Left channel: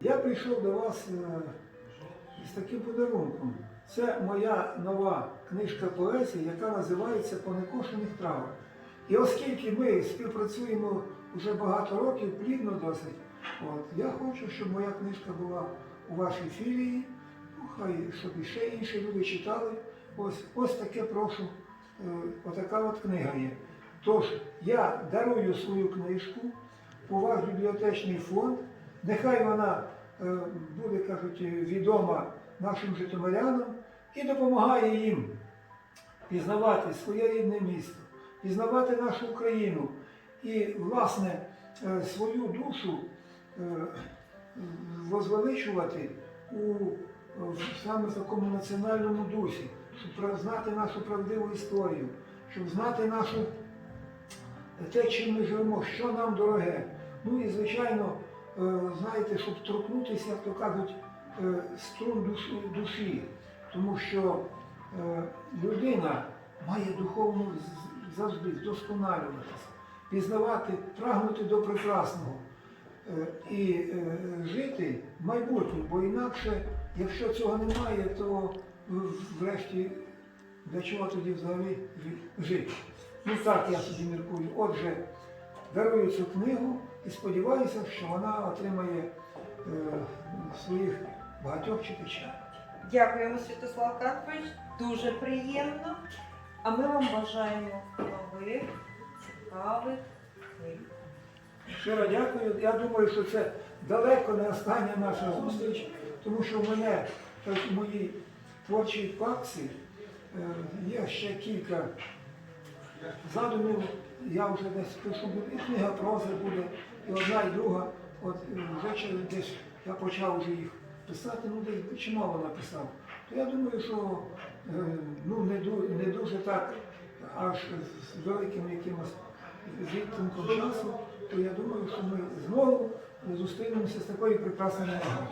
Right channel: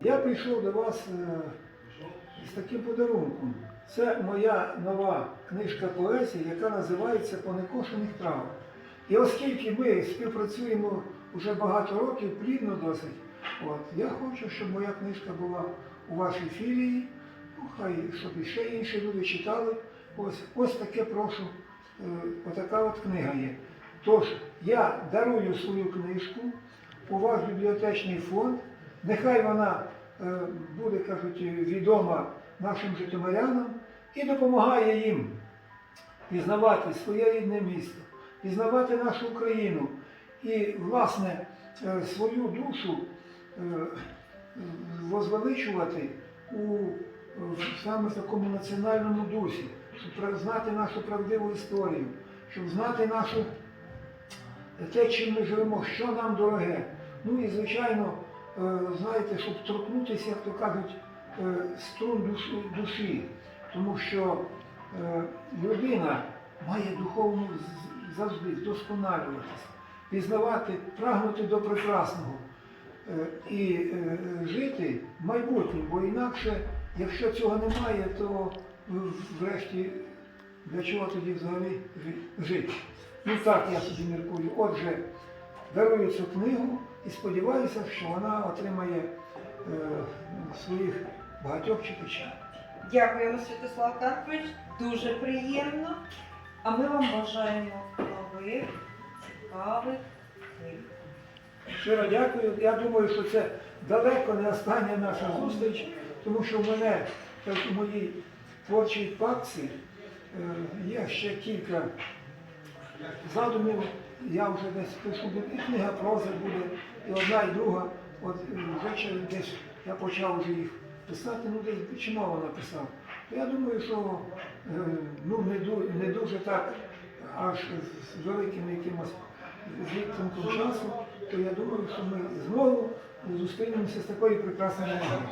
Я прийшов до вас е, з таким подарунком. Це моя нова книжка поезії, яка називається По некошених травах. І оскільки ми співпрацюємо вже багато років, плідно досить, от, я хочу, щоб моя книжка була у вашій філії, ну, хай щоб ще інші люди читали. Ось, ось таке прошу, е, отака от книга є. Тож я дарую свою книжку у ваш бібліотечний фонд. Нехай вона е, буде, кажуть, відома нашим житомирянам і допомагає їм пізнавати своє рідне місто, пізнавати нашу Україну і, власне, е, свою душу е, возвеличувати у саме такому національному дусі, щоб знати нашу правдиву історію, щоб знати нашу те, чим ми живемо, що нам дороге. Ну і, звичайно, знаєте, щоб торкнутися, як то кажуть, е, струн душі. Тому що е, людина має духовно завжди вдосконалюватися, пізнавати, прагнути до прекрасного е, і е, жити майбутнім, бо інакше, якщо цього немає, то е, врешті для чого тоді взагалі жити? Ну так я собі міркую. Отже, дарую цю книгу і сподіваюся, що вона отримає е, своїх багатьох читачів. Дякуємо, Святослав Карпович. Дуже приємно. А ми вам бажаємо нових, цікавих книг. Щиро дякую. Я думаю, що це далеко не остання наша зустріч, тому що в мене так, у моїй творчій папці е, є ще кілька задумів. Я вже десь пишу, і книга прози буде, і одна, і друга. От е, вже десь я почав вже їх писати, ну десь чимало написав. То я думаю, що е, ну, не, не дуже так аж з великим якимось відтинком часу, то я думаю, що ми знову зустрінемося з такою прекрасною нагодою.